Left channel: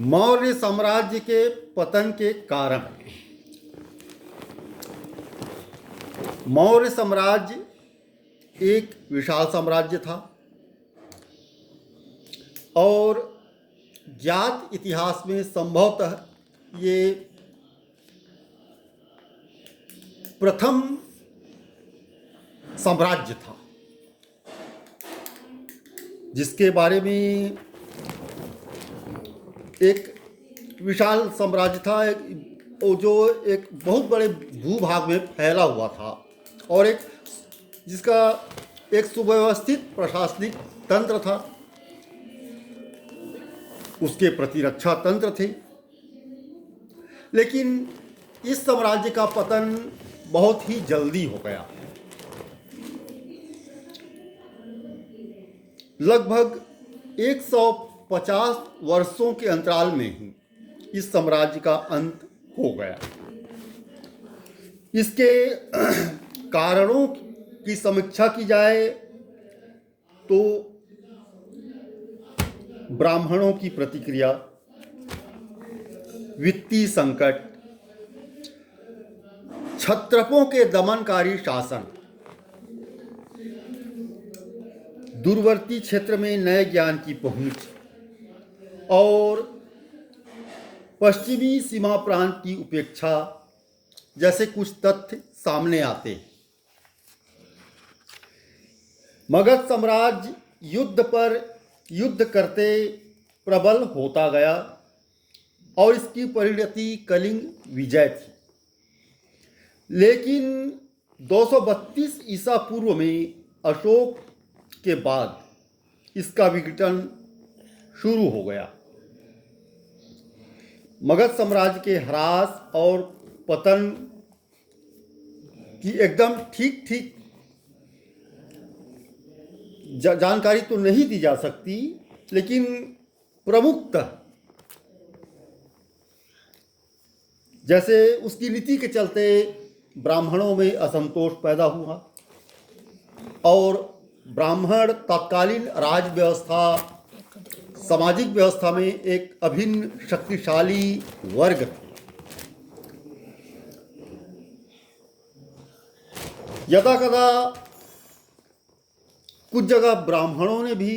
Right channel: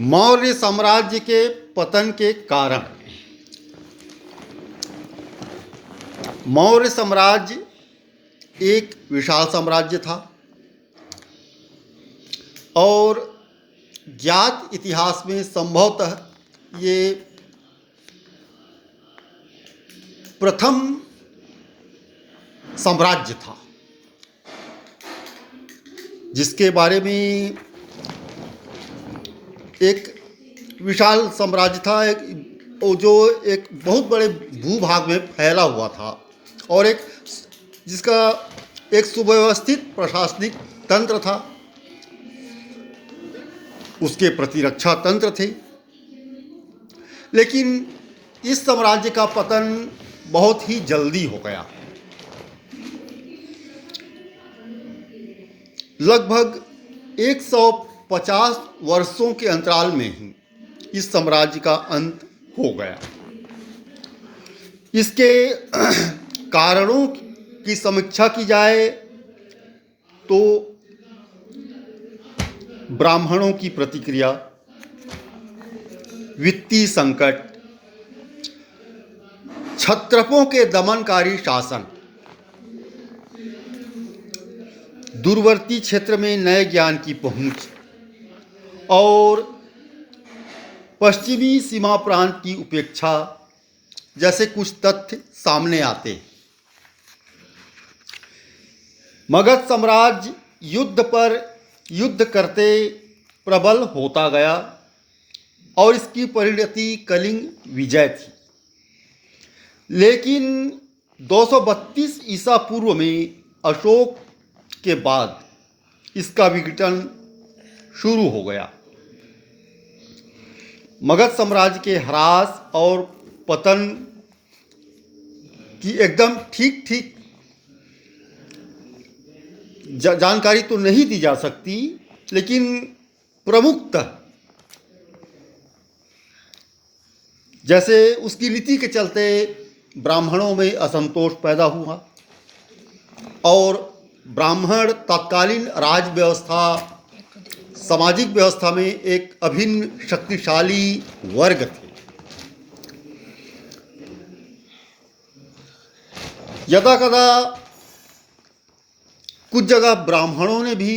मौर्य साम्राज्य के पतन के कारण। मौर्य साम्राज्य एक विशाल साम्राज्य था और ज्ञात इतिहास में संभवतः ये प्रथम साम्राज्य था जिसके बारे में एक विशाल साम्राज्य था, जो एक बहुत बड़े भूभाग में फैला हुआ था और जिसका एक सुव्यवस्थित प्रशासनिक तंत्र था, उसके प्रतिरक्षा तंत्र थे। लेकिन इस साम्राज्य का पतन बहुत ही जल्दी हो गया। लगभग 150 वर्षों के अंतराल में ही इस साम्राज्य का अंत हो गया। इसके कारणों की समीक्षा की जाए तो ब्राह्मणों की प्रतिक्रिया, वित्तीय संकट, क्षत्रपों के दमनकारी शासन, दूरवर्ती क्षेत्र में नए ज्ञान की पहुंच और पश्चिमी सीमा प्रांत की उपेक्षा जैसे कुछ तथ्य सामने आते हैं। मगध साम्राज्य युद्ध पर युद्ध करते प्रबल होता गया और इसकी परिणति कलिंग विजय थी। लेकिन 232 ईसा पूर्व में अशोक के बाद इसका विघटन शुरू हो गया। मगध साम्राज्य के ह्रास और पतन की एकदम ठीक जानकारी तो नहीं दी जा सकती, लेकिन प्रमुखतः जैसे उसकी नीति के चलते ब्राह्मणों में असंतोष पैदा हुआ और ब्राह्मण तत्कालीन राज व्यवस्था, सामाजिक व्यवस्था में एक अभिन्न शक्तिशाली वर्ग थे। यदा कदा कुछ जगह ब्राह्मणों ने भी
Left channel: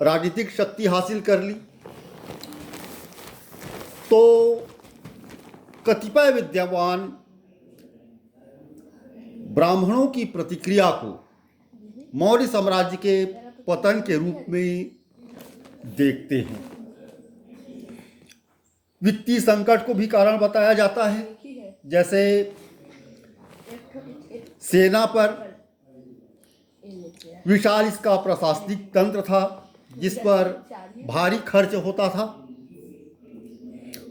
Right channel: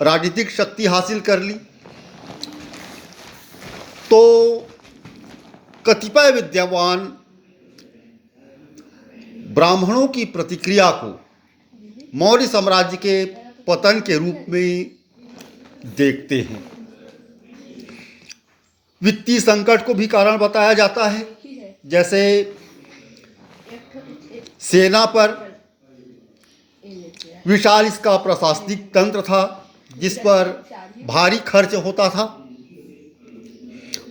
राजनीतिक शक्ति हासिल कर ली तो कतिपय विद्वान ब्राह्मणों की प्रतिक्रिया को मौर्य साम्राज्य के पतन के रूप में देखते हैं। वित्तीय संकट को भी कारण बताया जाता है, जैसे सेना पर विशाल इसका प्रशासनिक तंत्र था जिस पर भारी खर्च होता था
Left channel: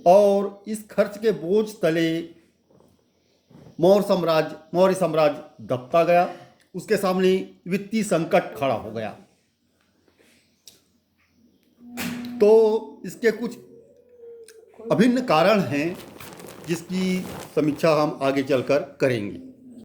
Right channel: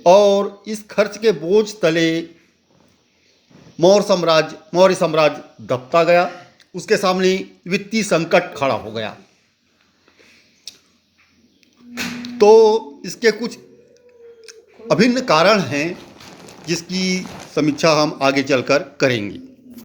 और इस खर्च के बोझ तले मौर्य साम्राज्य दबता गया। उसके सामने वित्तीय संकट खड़ा हो गया। तो इसके कुछ अभिन्न कारण हैं जिसकी समीक्षा हम आगे चलकर करेंगे।